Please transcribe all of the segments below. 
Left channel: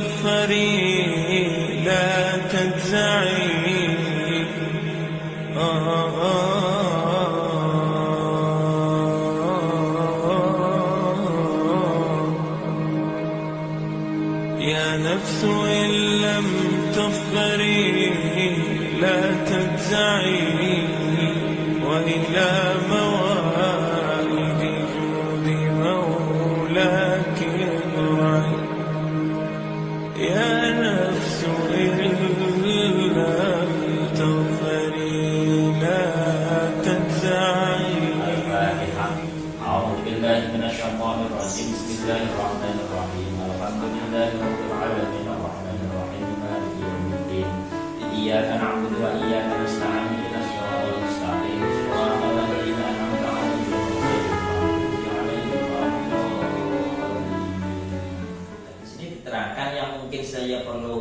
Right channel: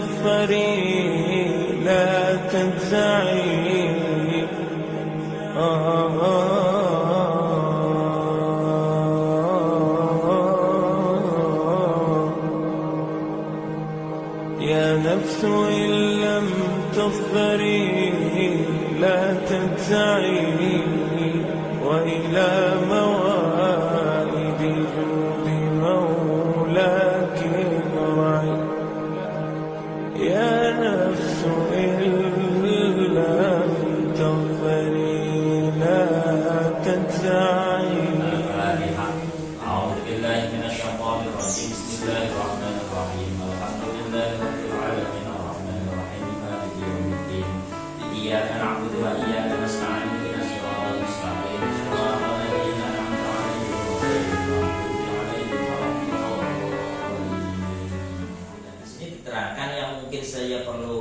تظفري لا تجزعي يا نفس إن لم تظفري لا تجزعي وإلى موائد جود مولاك ارعي يا نفس إن لم تظفري لا تجزعي. أعوذ بالله من الشيطان الرجيم. بسم الله الرحمن الرحيم. الحمد لله رب العالمين الرحمن الرحيم مالك يوم الدين. إياك نعبد وإياك نستعين اهدنا الصراط المستقيم صراط الذين أنعمت عليهم غير المغضوب عليهم ولا الضالين. Di sini diterangkan yang mungkin saya perlu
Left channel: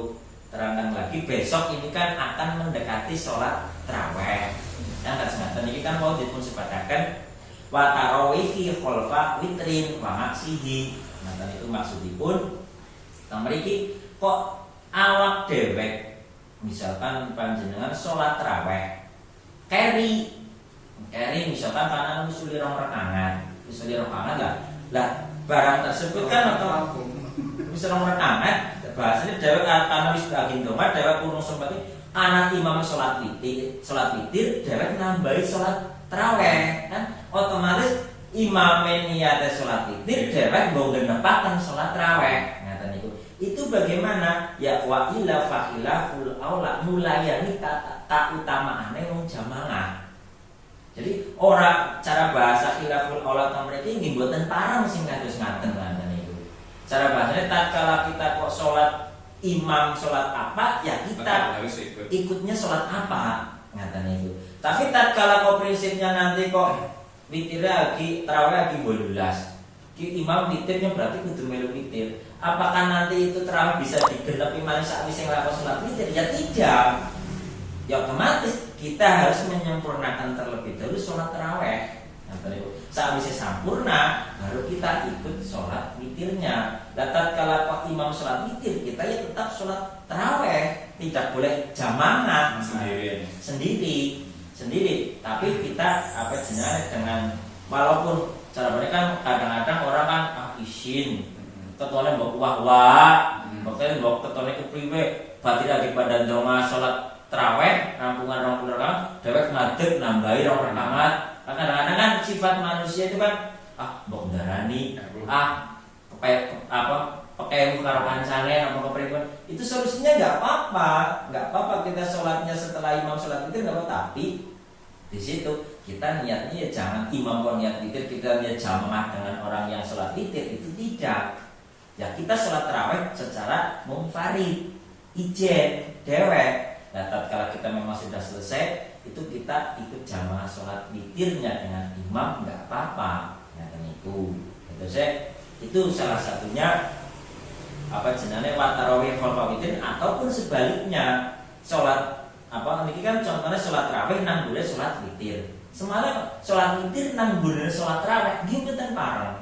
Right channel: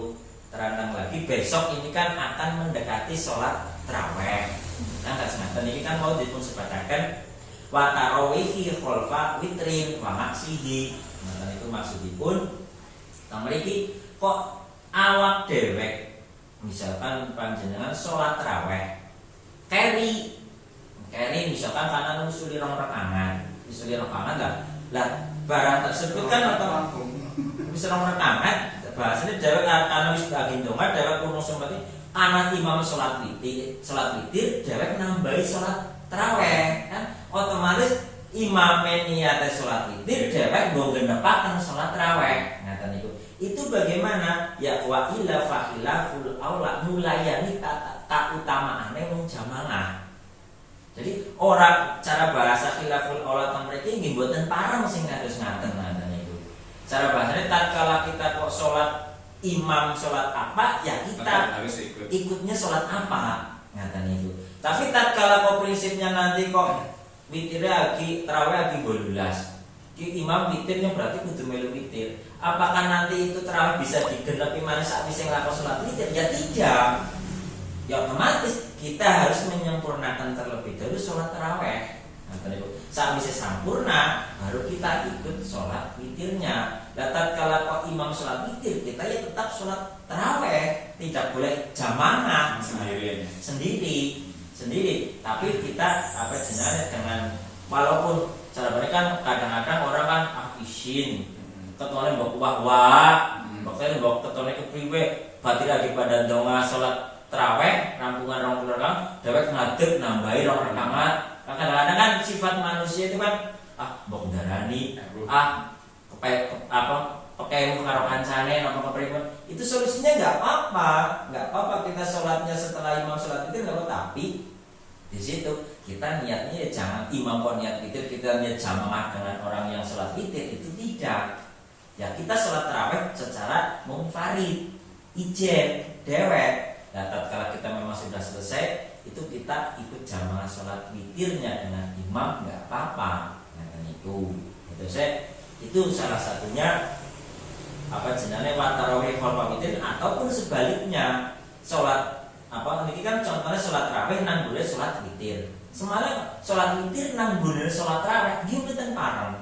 terangkan lagi, besok ini kan akan mendekati sholat taraweh. Kan tersengaja ini kan mau dipun sepadakan wa tarawihi kholfa witrin wa maksihi. Nah itu maksudipun mriki kok awak dewek misalkan panjenengan sholat taraweh keri misalkan kanan usuli rong rakaat lah barang tersebut kan atau bisa rong rakaat bahasanya dewek karena wis bagi ndonga dewek kuno sembati anak imam sholat witir dewek nambahi sholat taraweh kan otomatis imam niate sholat witir dewek nggo genepaken sholat taraweh. Ngaten niku. Itu bagaimana? Ya wa ila fakhilaful aula mulayani tak utamaane wong jamaah. Jadi orang cara bahasa khilaful aula mriki nggih mboten parang sing kados ngaten niku. Cara bahasanya tatkala kita kok sholat imam sholat apa ya kita harus ikutnya sholat apa ngaten niku. Tapi tatkala kok prinsipnya nanti kok witirnya lagi tarawih lagi 12. Imam witirnya berarti kudu melu witir. Apakah nanti itu tarawih bisa digenepi malih sakwise nglakon salat witir? Ya tidak. Ya otomatis kita harus menyempurnakan terlebih dahulu salat tarawih. Sakwise sampurna baru kita ikut salat witirnya. Tatkala kok imam salat witir, kita ya tetap salat tarawih, tidak boleh jamaah sendiri, tapi kita dengan walaupun sahabatnya kan kadang-kadang orang kan isin tetone mbok wah pokoknya mbok tetone kepriwe berarti lagi pada donga salat tarawih rampungan 20 rakaat dhewek ngadeg nambahi 2 rakaat. Kadang-kadang kan sifat manusia itu kan mbok ndarani pakai karo kancane apa kepriwe itu solusinya nggak apa-apa kita sholatnya setelah imam sholat witir nggak apa, tapi di situ kita niatnya ya jangan imam kok niat witir kita niat jamaah dengan orang yang sholat witir, itu tidak. Ya kita sholat tarawih secara munfarid ijen dewek. Nah tatkala kita memang sudah selesai itu kita ikut jamaah sholat witirnya dengan imam nggak apa-apa. Nah itu itu salah satunya jenenge wa tarawih khalfa witir, ataupun sebaliknya sholat ini kan contohnya sholat tarawih nang gune sholat witir. Semalam sholat witir nang gune sholat tarawih iki mboten parang.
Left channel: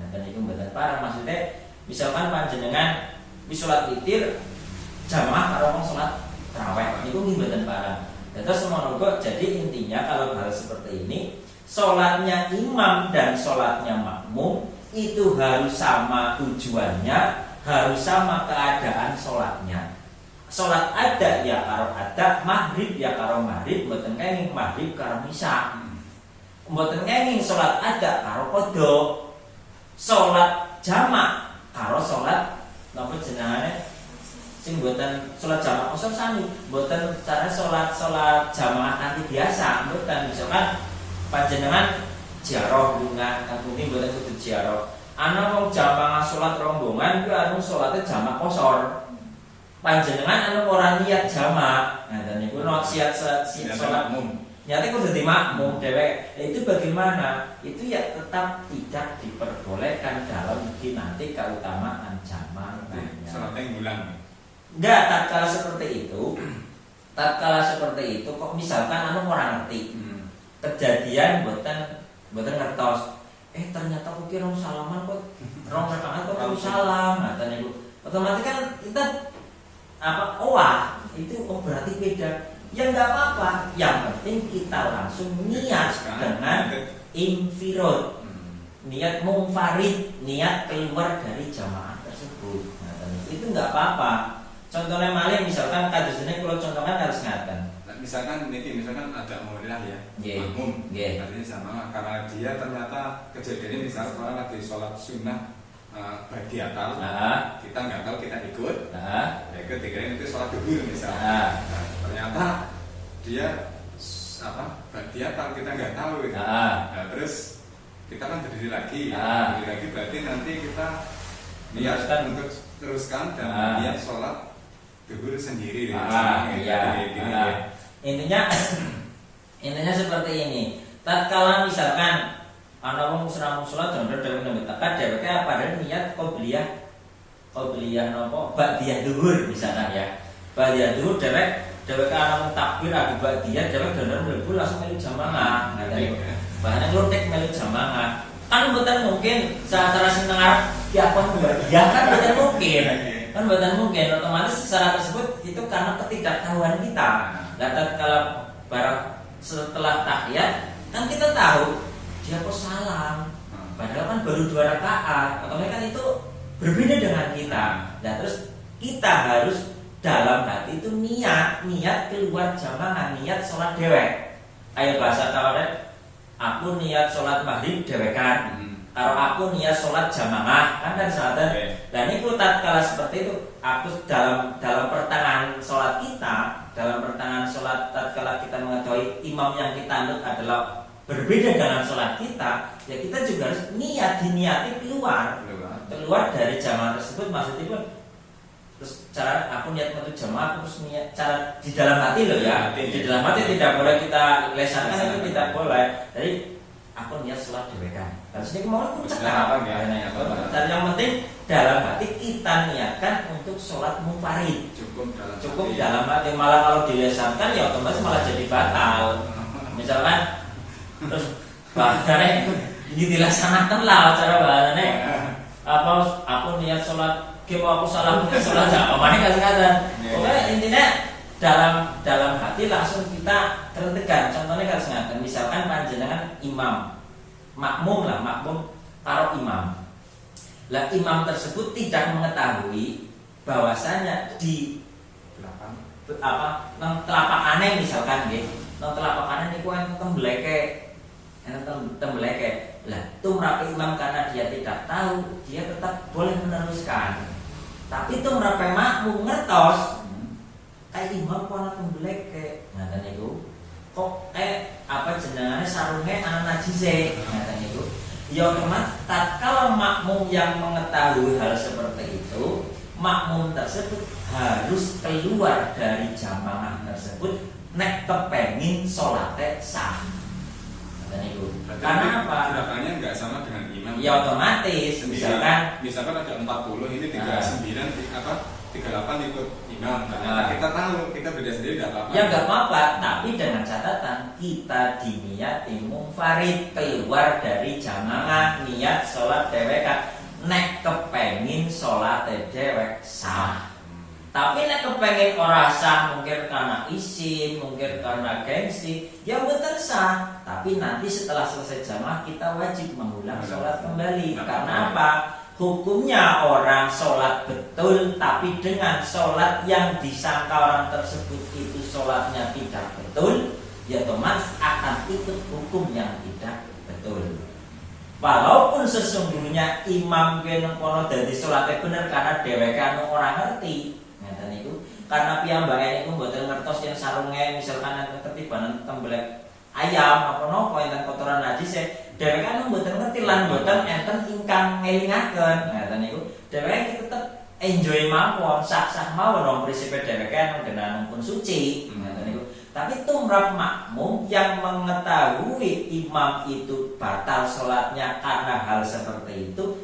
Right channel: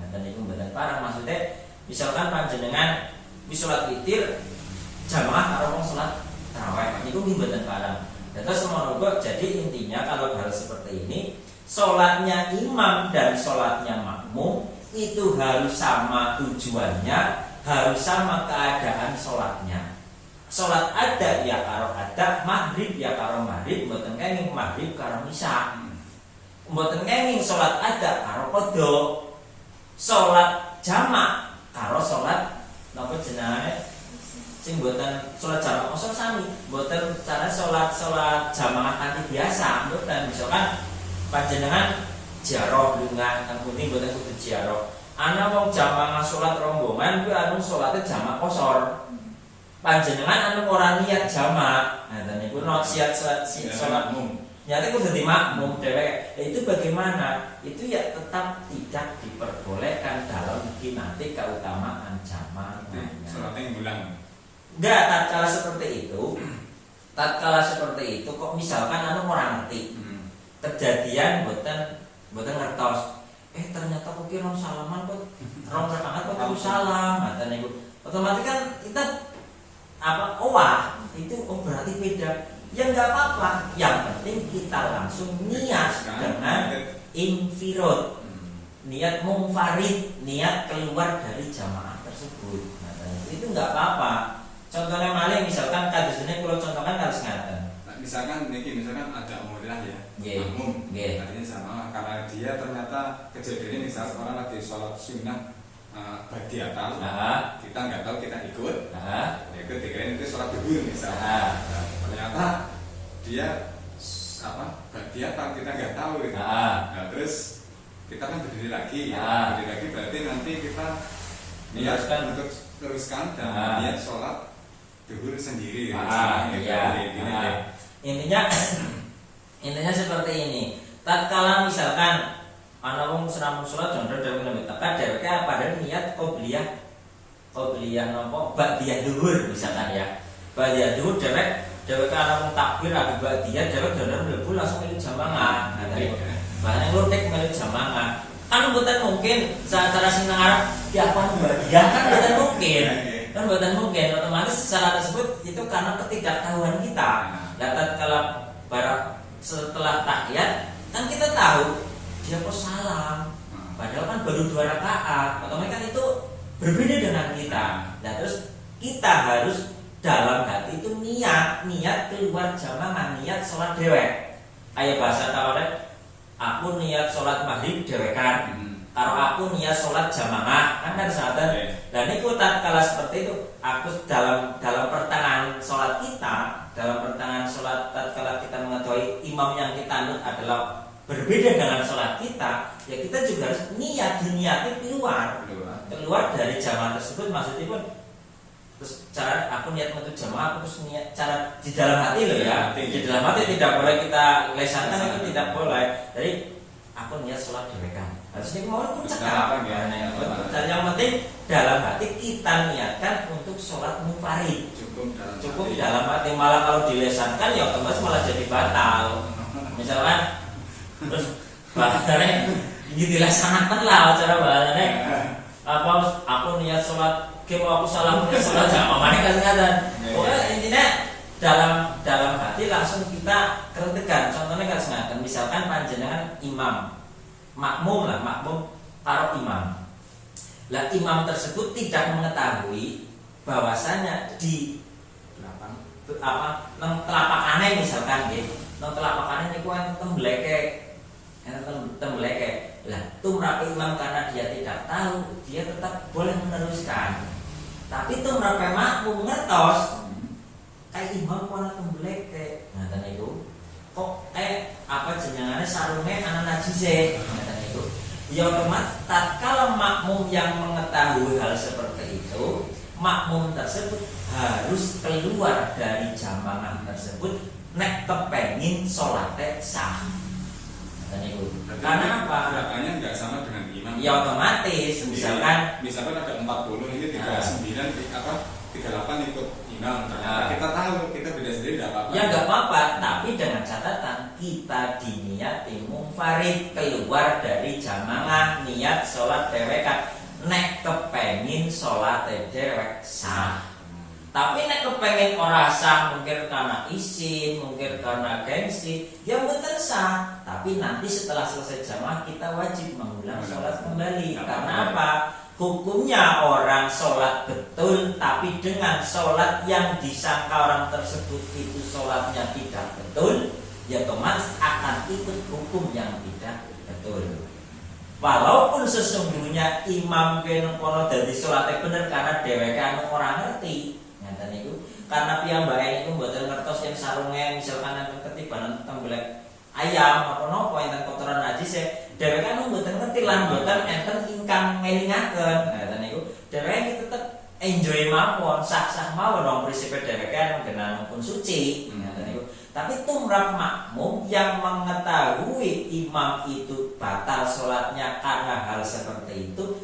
Ngaten niku mboten parang, maksudnya misalkan panjenengan di sholat witir jamaah karo wong sholat tarawih niku mboten parang. Terus semono jadi intinya kalau harus seperti ini, sholatnya imam dan sholatnya makmum itu harus sama tujuannya, harus sama keadaan sholatnya. Sholat ada ya karo ada, maghrib ya karo maghrib, mboten kenging maghrib karo isya. Mboten kenging sholat ada karo qadha. Sholat jamak karo sholat napa jenenge sing mboten sholat jamak kosong sami, mboten cara sholat jamaah kanthi biasa, mboten. Misalkan panjenengan ziarah lunga kemudian mboten kudu ziarah. Ana wong jamaah sholat rombongan kuwi anu sholatnya jamak kosor. Panjenengan anu ora niat jamak. Nah, dan niku no siat sholat umum. Nyate kudu dadi makmum dhewek. Itu bagaimana? Itu ya tetap tidak diperbolehkan dalam nanti keutamaan jamak. Salatnya ngulang. Enggak, tatkala seperti itu kok misalkan anu ora ngerti. Kejadian mboten ngertos. Ternyata kok kira salaman kok rong rakaat kok aku salam. Ngaten niku. otomatis kan kita wah itu berarti beda. Ya nggak apa-apa, yang penting kita langsung niat dengan infirod, niat munfarid, niat keluar dari jamaah tersebut. Nah, itu nggak apa-apa. Contohnya malah misalkan kasusnya kalau contohkan harus ngaten. Misalkan ada murid ya, makmum, artinya jamaah karena dia ternyata kejadiannya misalnya orang lagi sholat sunnah badiatal, kita nggak tahu, kita ikut, ikut dikirain itu sholat duhur misalnya. Ternyata dia badiatal, kita nggak tahu. Nah, terus kita kan berdiri lagi, berarti nanti kita niatkan untuk teruskan dan niat sholat duhur sendiri. Intinya seperti ini. Tatkala misalkan ana wong seramung salat dan dhewe nemetaka dheweke padahal niat qobliyah nopo ba'diyah dhuwur misalkan ya. Ba'diyah dhuwur dheweke ana wong takbir lagi ba'diyah dheweke dandar mlebu langsung melu jamaah. Bahane lutek melu jamaah. Kan mboten mungkin secara sing ngarep piakon ba'diyah kan mboten mungkin. Kan mboten mungkin, otomatis secara tersebut itu karena ketidaktahuan kita. Nah, tatkala setelah tahiyat kan kita tahu dia kok salam, padahal kan baru 2 rakaat. Otomatis kan itu berbeda dengan kita. Nah terus kita harus dalam hati itu niat keluar jamaah, niat sholat dewek. Kayak bahasa tawaret, aku niat sholat maghrib dewekan. Kalau aku niat sholat jamaah kan dari salatan. Dan ini tatkala seperti itu, aku dalam pertengahan sholat kita, dalam pertengahan sholat tatkala kita mengetahui imam yang kita anut adalah berbeda dengan sholat kita, ya kita juga harus diniati keluar dari jamaah tersebut. Maksudnya pun terus cara aku niat menuju jamaah, aku terus niat cara di dalam hati loh ya, di dalam hati tidak boleh kita lesankan, itu tidak boleh. Jadi aku niat sholat dewekan, harusnya kemauan pun cekap. Dan yang penting dalam hati kita niatkan untuk sholat munfarid, cukup dalam hati. Malah kalau dilesankan ya otomatis malah jadi batal. Misalkan terus bahasanya ini dilaksanakan lah cara bahasanya aku niat sholat aku salah sholat jamaah kasih kata. Pokoknya intinya dalam hati langsung kita tertekan. Contohnya kasih kata, misalkan panjenengan imam makmum karo imam. Lah imam tersebut tidak mengetahui bahwasanya di telapak kanan misalkan nang telapak kanan niku enten tembeleke. Lah tumrape imam karena dia tidak tahu, dia tetap boleh meneruskan. Tapi tumrape makmum ngertos kayak imam ku ana tembeleke. Ngaten niku. Kok jenengane sarunge ana najise. Ngaten niku. Ya otomatis tatkala makmum yang mengetahui hal seperti itu, makmum tersebut harus keluar dari jamaah tersebut nek kepengin salate sah. Karena apa? Gerakannya nggak sama dengan imam. Ya otomatis. Misalkan ada 40 ini 39 38 ikut imam. Karena kita tahu kita beda sendiri nggak apa-apa. Ya nggak apa-apa. Tapi dengan catatan kita diniati munfarid, keluar dari jamaah, niat sholat dewekan. Nek kepengin sholat dewek sah. Tapi nek kepengen ora sah, mungkin karena izin, mungkin karena gengsi, ya mboten sah. Tapi nanti setelah selesai jamaah kita wajib mengulang sholat kembali. Karena apa? Hukumnya orang sholat betul, tapi dengan sholat yang disangka orang tersebut itu sholatnya tidak betul, ya otomatis akan ikut hukum yang tidak betul. Walaupun sesungguhnya imam kene kono dadi salate bener karena dheweke ora ngerti. Ngeten niku. Karena piyambake niku mboten ngertos yen sarunge misalkan enten ketibanan tembelek ayam apa napa enten kotoran najis dheweke mboten ngerti lan mboten enten ingkang ngelingaken. Ngeten niku. Dheweke tetep enjoy mawon, sah-sah mawon wong prisipe dheweke ngenan pun suci. Ngeten niku. Tapi tumrap makmum yang mengetahui imam itu batal sholatnya karena hal seperti itu,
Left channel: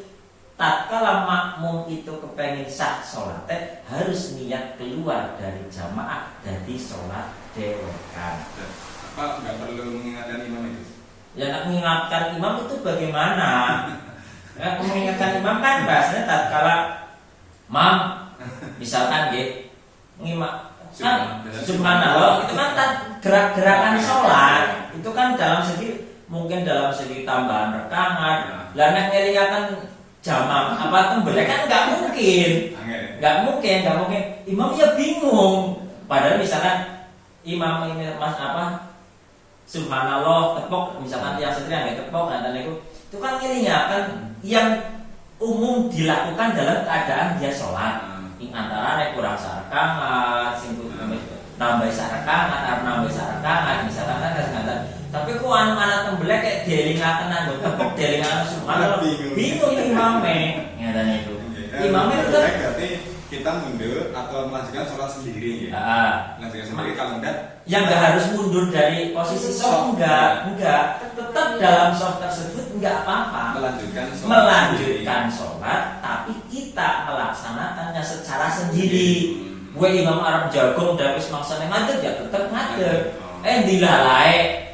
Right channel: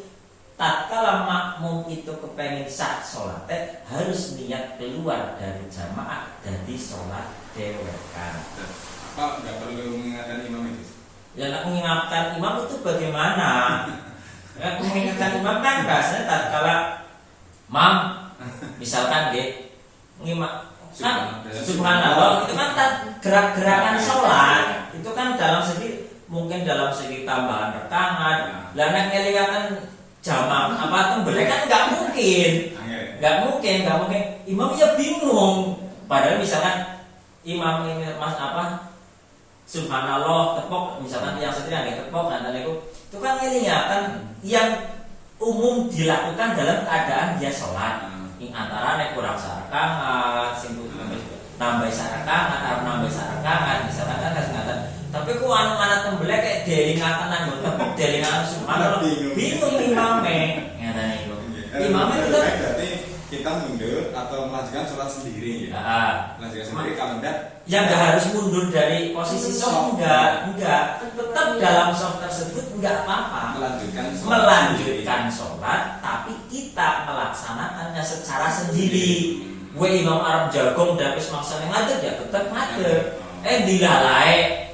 tatkala makmum itu kepengen sah sholatnya harus niat keluar dari jamaah dari sholat dewekan. Apa nggak perlu mengingatkan imam itu? Ya nak mengingatkan imam itu bagaimana? Mengingatkan imam kan bahasanya tatkala Mam, misalkan subhanallah itu kan gerak-gerakan sholat itu kan mungkin dalam segi tambahan rekaman. Lah nek ngelingaken jamaah apa tembelek kan nggak mungkin. Imam ya bingung. Padahal misalkan imam ini subhanallah tepok, misalkan yang setia nggak tepok kan itu kan ngelingaken yang umum dilakukan dalam keadaan dia sholat. Ini antara nek kurang sarkangan, nambah sarkangan, misalkan kan kesengatan. Tapi ku anak tembelek kayak delingaken nang tepok delingaken subhanallah. Bingung imame, ngene itu. Imame itu berarti kita mundur atau melakukan sholat sendiri ya. Melakukan sendiri kalau enggak yang enggak harus mundur dari posisi sholat enggak. Tetap dalam sholat tersebut enggak apa-apa. Melanjutkan sholat tapi kita melaksanakannya secara sendiri. Gue imam Arab jagung dapis maksane ngadeg ya tetap ngadeg.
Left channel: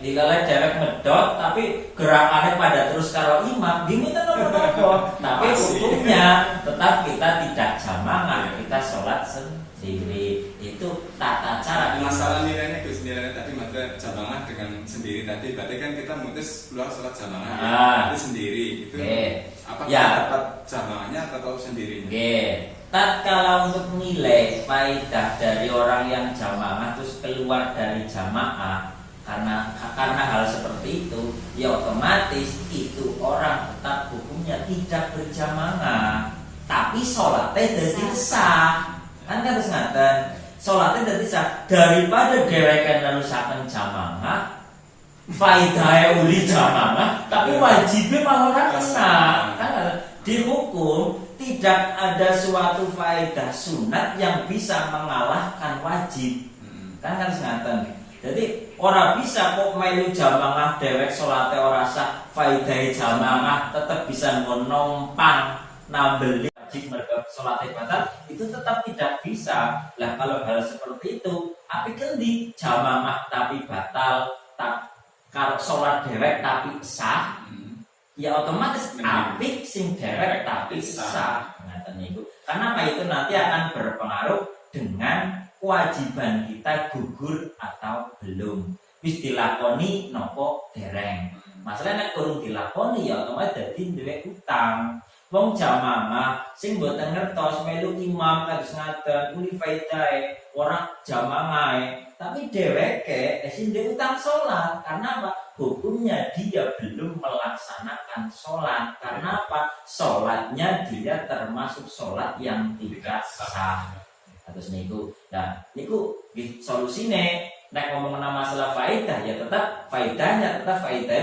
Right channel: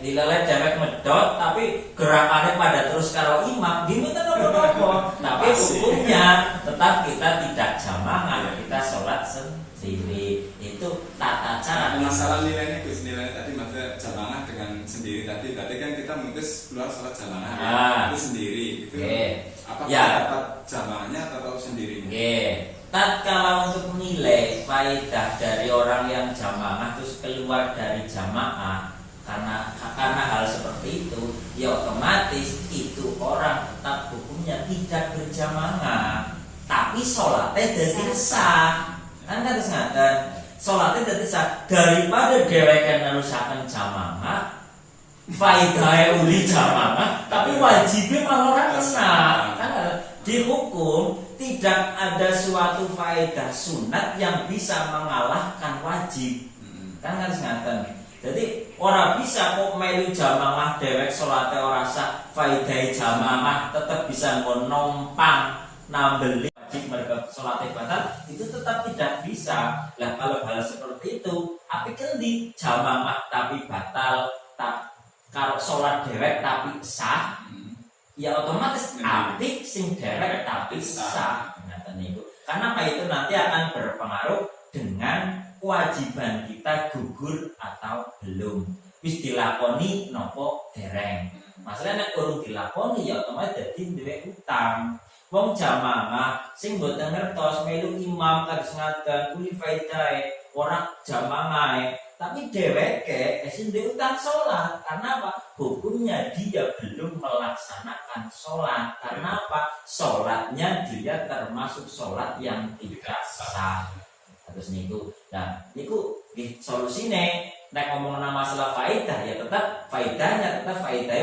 Dilalai dewek medot tapi gerakannya pada terus kalau imam diminta apa-apa. Tapi hukumnya tetap kita tidak jamaah, kita sholat sendiri. Itu tata cara. Masalah nilainya tadi maksudnya jamaah dengan sendiri tadi berarti kan kita mutus keluar sholat jamaah itu sendiri itu apa dapat jamaahnya atau sendirinya? Tatkala untuk menilai faedah dari orang yang jamaah terus keluar dari jamaah karena hal seperti itu, ya otomatis itu orang tetap hukumnya tidak berjamaah, tapi sholatnya jadi sah. Kan harus ngaten, sholatnya jadi sah daripada dheweke nerusaken jamaah, faedahnya uli jamaah, tapi wajibnya malah ora kena. Kan dihukum tidak ada suatu faedah sunat yang bisa mengalahkan wajib. Kan harus ngaten. Jadi orang bisa kok melu jamaah dewek salate ora sah, faedah jamaah tetap bisa ngonompang nambel wajib mereka salate batal, itu tetap tidak bisa. Lah kalau hal seperti itu, api kendi jamaah tapi batal, tak kalau salat dewek tapi sah, ya otomatis apik sing dewek tapi sah. Ngaten niku. Karena apa itu nanti akan berpengaruh dengan kewajiban kita gugur atau belum. Wis dilakoni nopo dereng. Masalahnya nek urung dilakoni ya otomatis dadi duwe utang. Wong jamaah sing mboten ngertos melu imam terus ngaten kuwi faedahe ora jamaah, tapi dheweke sing duwe utang salat. Karena apa? Hukumnya dia belum melaksanakan sholat. Karena apa? Sholatnya dia termasuk sholat yang tidak sah. Terus niku, nah niku solusine. Nek ngomong masalah faedah ya tetap faedahnya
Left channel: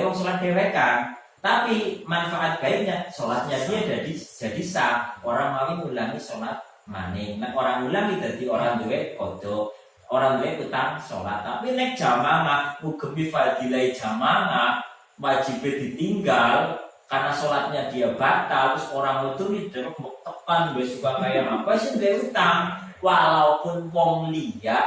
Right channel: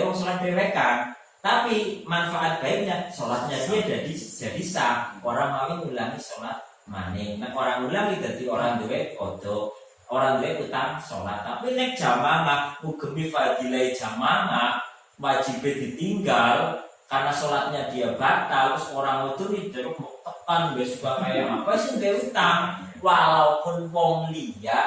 wong sholat dewekan. Tapi manfaat baiknya sholatnya dia jadi sah. Orang mau ngulangi sholat maning. Nek orang ngulangi jadi orang duwe kodok. Orang duwe utang sholat. Tapi nek jamaah ugemi fadilah jamaah wajib ditinggal karena sholatnya dia batal. Terus orang itu tidak mau tekan wis kayak apa sih dia utang. Walaupun wong liya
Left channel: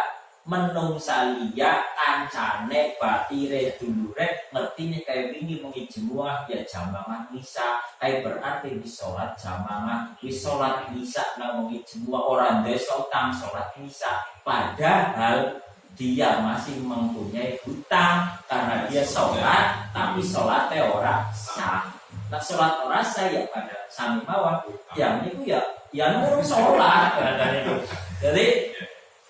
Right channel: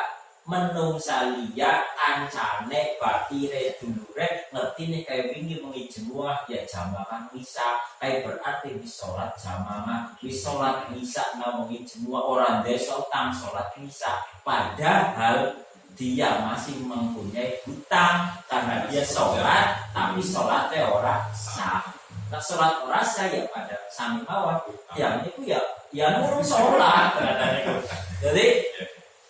menungsa liya kancane batire dulure ngerti nih kayak wingi mengi jemaah ya jamaah misa kayak berarti di sholat jamaah di sholat misa namungi jemaah orang desa utang sholat misa, padahal dia masih mempunyai hutang karena dia sholat tapi sholatnya orang sah. Nah sholat orang sah ya pada sami mawon yang itu ya nurung sholat. Jadi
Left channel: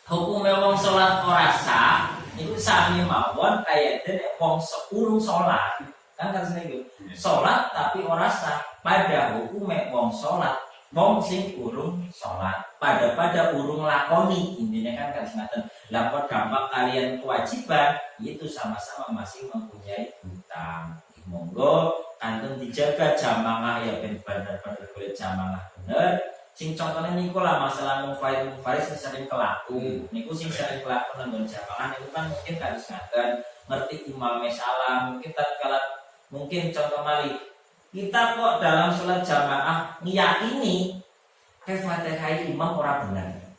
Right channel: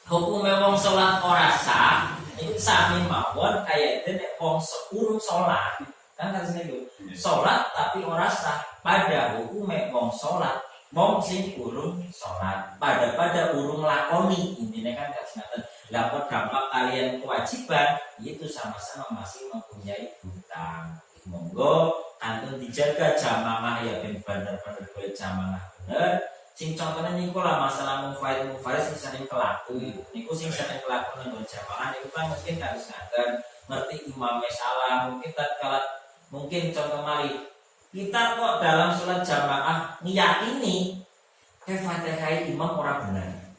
hukumnya wong sholat ora sah itu sami mawon kayak dene wong urung sholat. Kan harus niku. Sholat tapi ora sah pada hukumnya wong sholat. Wong sing urung sholat pada urung lakoni. Intinya kan harus ngaten. Lah dampak kalian kewajiban itu sama-sama masih mempunyai hutang. Monggo kantun dijaga jamaah ya ben bener-bener golek jamaah bener. Sing contohnya niku lah masalah mufaiz sing sering kelaku. Niku sing sering kelaku nang jamaah niku kan mungkin harus ngaten ngerti imamnya salah. Mungkin contoh mali kita kok dalam sholat jamaah ngiyakini Fatihah imam ora bener.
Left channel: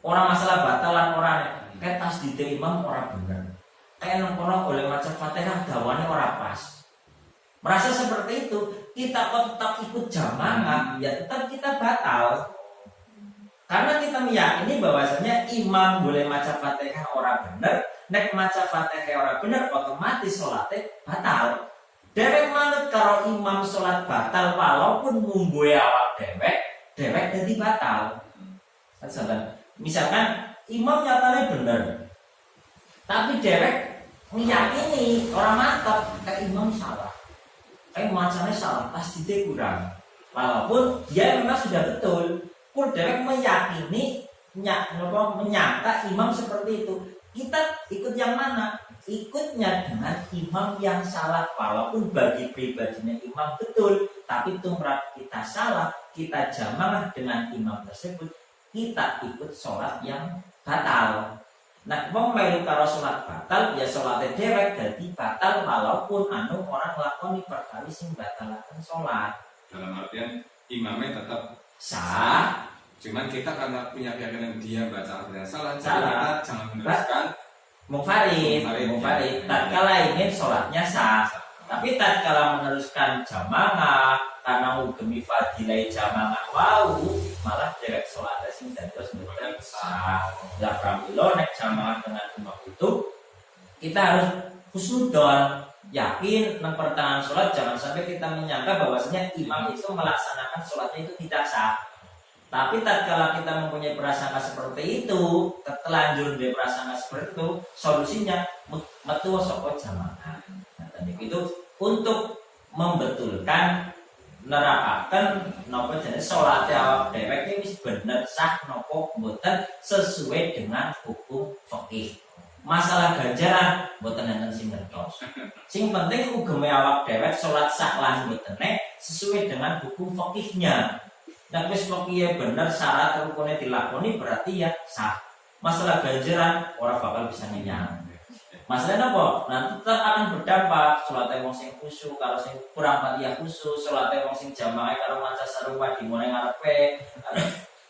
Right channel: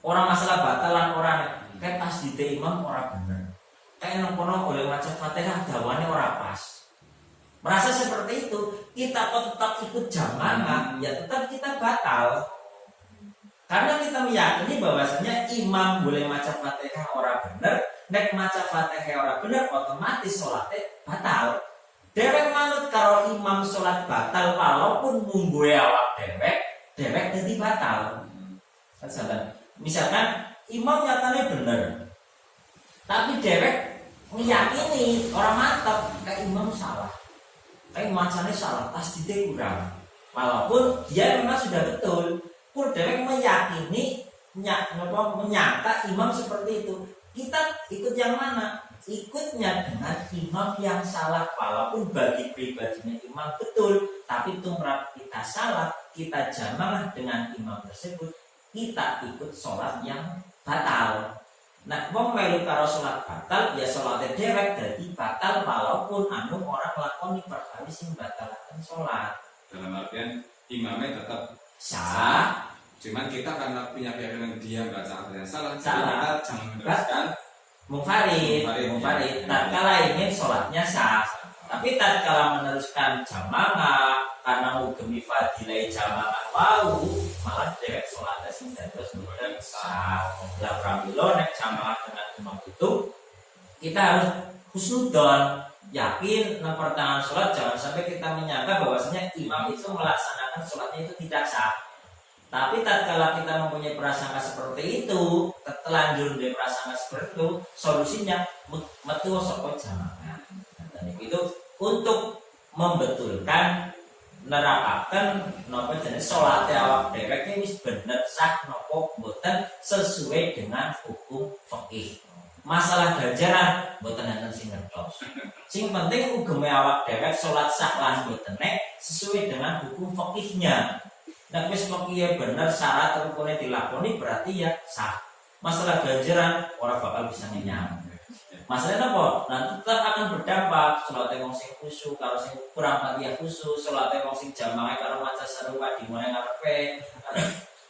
Orang masalah batalan orang kayak tasdid imam ora bener. Kayak nongkrong oleh maca Fatihah dawane ora pas. Merasa seperti itu, kita kok tetap ikut jamaah, ya tetap kita batal. Karena kita meyakini bahwasanya imam boleh maca Fatihah ora bener, nek maca Fatihah ora bener otomatis salate batal. Dewek manut karo imam salat batal walaupun mungguhe awak dewek dadi batal. Misalkan imam nyatanya bener, tapi dewek meyakini orang mantap kayak imam salah, kayak macamnya salah, pasti dia kurang. Walaupun dia memang sudah betul. Pun dewek meyakini menyangka imam seperti itu. Kita ikut yang mana? Ikutnya dengan imam yang salah. Walaupun bagi pribadinya imam betul, tapi tumrap kita salah, kita jamaah dengan imam tersebut, kita ikut sholat yang batal. Nah, wong melu karo sholat batal, ya sholatnya dewek jadi batal walaupun orang lakoni perkara sing batalaken sholat. Dalam artian imamnya tetap sah, cuman kita karena punya keyakinan dia baca yang salah, kita jangan meneruskan Mufarid. Ya. Tatkala ini sholatnya sah, tapi tatkala meneruskan jamaah karena ngugemi fadilah jamaah malah dewek sholatnya sing dados mboten sah. Lah pramila nek jamaah dengan imam itu kita harus husnudzon, yakin nang pertengahan sholat, jangan sampai kita menyangka bahwasanya imam itu melaksanakan sholatnya itu tidak sah. Tapi tatkala kita mempunyai prasangka seperti itu, terlanjur dia prasangka seperti itu, solusinya metu saka jamaah. Nah, itu untuk membetulkan nerakaken napa jenis salat awak dhewek iki wis bener sah napa mboten sesuai dengan hukum fikih. Masalah ganjaran mboten enten sing ngertos. Sing penting ugeme awak dhewek salat sah lan mboten sesuai dengan hukum fikihnya. Nek wis fikih bener syarat rukunnya dilakoni berarti ya sah. Masalah ganjaran orang bakal bisa menyang. Masalahnya apa? Nanti tetap akan berdampak. Sholatnya wong sing khusyuk, kalau sing kurang Fatihah khusyuk, sholatnya wong sing jamaah kalau maca sarungwa di mulai ngarepe,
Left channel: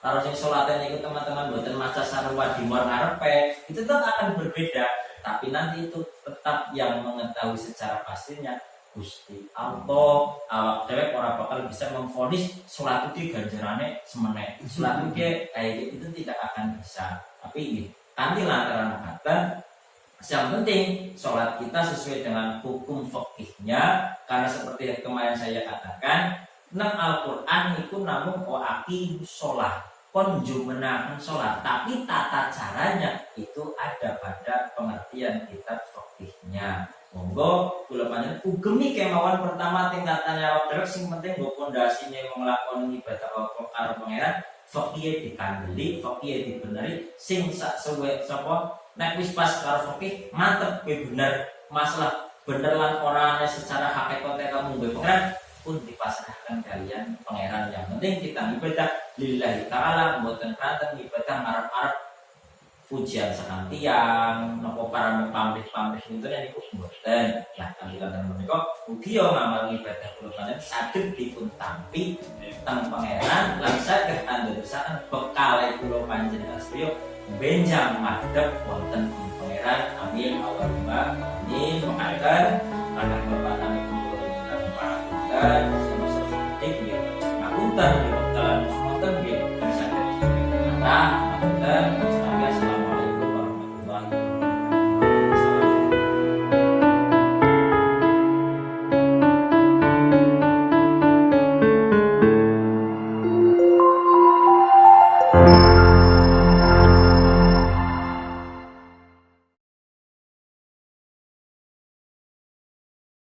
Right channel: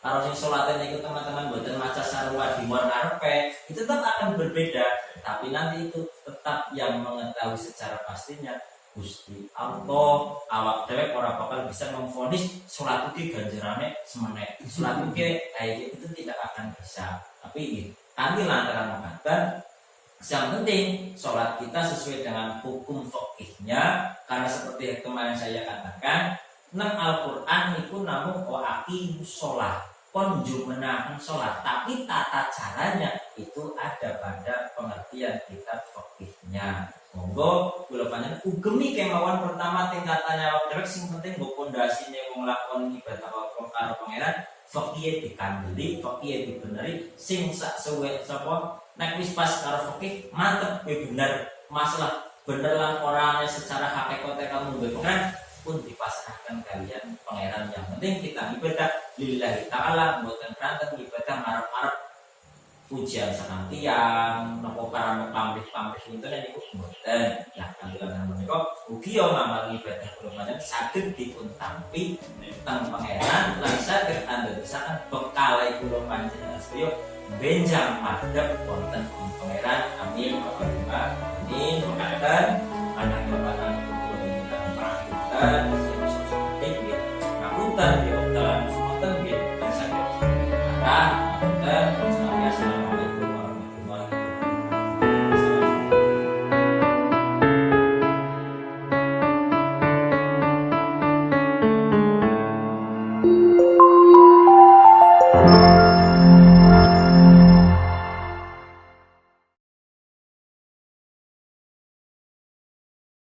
kalau sing sholatnya ikut teman-teman boten maca sarungwa di mulai ngarepe, itu tetap akan berbeda. Tapi nanti itu tetap yang mengetahui secara pastinya Gusti Allah. Awak dewek ora bakal bisa memvonis sholat iki ganjarane semeneh. Sholat iki kayak itu tidak akan bisa. Tapi nanti lantaran mengatakan yang penting sholat kita sesuai dengan hukum fikihnya, karena seperti yang kemarin saya katakan, nang Al-Quran itu namun aqimus sholat, konjumenakan sholat, tapi tata caranya itu ada pada pengertian kitab fikihnya. Monggo kula panjenengan ugemi kemauan pertama tingkatannya awak dewek sing penting nggo pondasine wong nglakoni ibadah karo pangeran, fikih dikandeli, fikih dibeneri sing sak suwe sapa nek wis pas karo fikih mantep kowe bener, masalah bener lan ora ana secara hakikate kamu nggo pangeran pun dipasrahkan kalian pangeran. Yang penting kita ibadah lillahi taala, mboten kanten ibadah ngarep-arep pujian sakang tiang nopo para pamrih-pamrih pinten niku mboten. Lah tampilan menika ugi yo ngamal ibadah kula panjenengan saged dipun tampi teng pangeran lan saged andadosaken bekal kula panjenengan sedaya benjang madhep wonten ing pangeran. Amin Allahumma amin. Monggo panjenengan kula panjenengan kula panjenengan ngapunten